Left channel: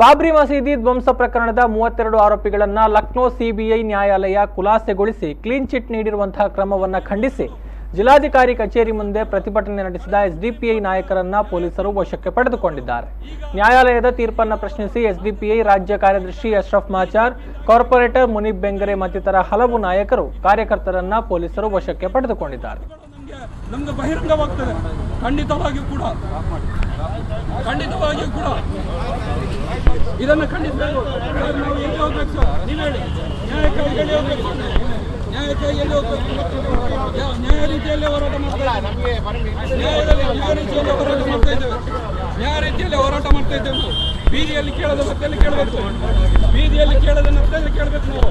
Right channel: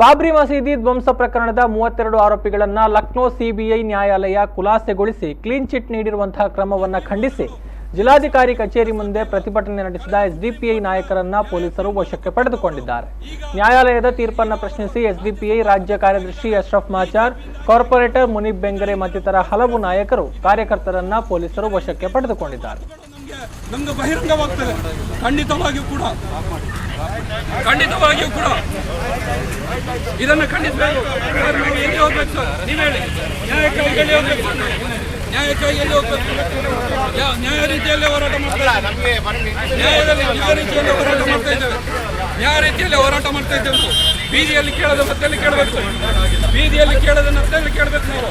ಬಾಬ್ರಿ ಮಸೀದಿ ಧ್ವಂಸ ಪ್ರಕರಣದ 32 ಆರೋಪಿಗಳನ್ನ ಲಕ್ನೋ ಸಿಬಿಐ ನ್ಯಾಯಾಲಯ ಖುಲಾಸೆಗೊಳಿಸಿ ಕ್ಲೀನ್ ಚಿಟ್ ನೀಡಿರುವಂತಹ ಕ್ರಮವನ್ನು ಖಂಡಿಸಿ ಜಿಲ್ಲಾಧಿಕಾರಿ ಕಚೇರಿ ಮುಂದೆ ಪ್ರತಿಭಟನೆ ನಡೆಸಿದ ಎಸ್ಡಿಪಿಐ ನಾಯಕರನ್ನ ಪೊಲೀಸರು ವಶಕ್ಕೆ ಪಡೆದುಕೊಂಡಿದ್ದಾರೆ. ನ್ಯಾಯಾಲಯದ ತೀರ್ಪನ್ನು ಪ್ರಶ್ನಿಸಿ ಎಸ್ಡಿಪಿಐ ರಾಜ್ಯ ಕಾರ್ಯದರ್ಶಿ ಅಶ್ರಫ್ ಮಾಚಾರ್, ಕಾರ್ಪೊರೇಟರ್ ಮುನೀಬ್ ಬೆಂಗರೆ ಮತ್ತಿತರ ಹಲವು ನಾಯಕರು ಕಾರ್ಯಕರ್ತರನ್ನ ಪೊಲೀಸರು ವಶಕ್ಕೆ ಪಡೆದುಕೊಂಡಿದ್ದಾರೆ. ನಮಗೆ ಬಹಿರಂಗವಾಗ್ತದೆ. ಖಂಡಿತವಾಗಿಯೂ ಕೂಡ ಇದನ್ನು ಖಂಡಿಸಬೇಕು. ಎಲ್ಲಿ ಹೋಗ್ಬೇಕು ಸರ್? ನೀವು ಹೇಳಿ. ನ್ಯಾಯಕ್ಕಾಗಿ ಎಲ್ಲಿ ಹೋಗ್ಬೇಕು? ನ್ಯಾಯಕ್ಕಾಗಿ ಎಲ್ಲಿ ಹೋಗ್ಬೇಕು? ನ್ಯಾಯ ರೀತಿಯಲ್ಲಿ ಹೋರಾಟ ಮಾಡ್ತಾ ಇದ್ದೇವೆ. ನ್ಯಾಯ ರೀತಿಯಲ್ಲಿ ಹೋರಾಟ ಮಾಡ್ತಾ ಇದ್ದೇವೆ. ಬೀದಿಯಲ್ಲಿ ಕೇಳದ ಮತ್ತೆಲ್ಲಿ ಕೇಳಬೇಕು? ಬೀದಿಯಲ್ಲಿ ಕೇಳೋದನ್ನ ಅರ್ಥದಲ್ಲಿ ಕೇಳಬೇಕು ನಾವು.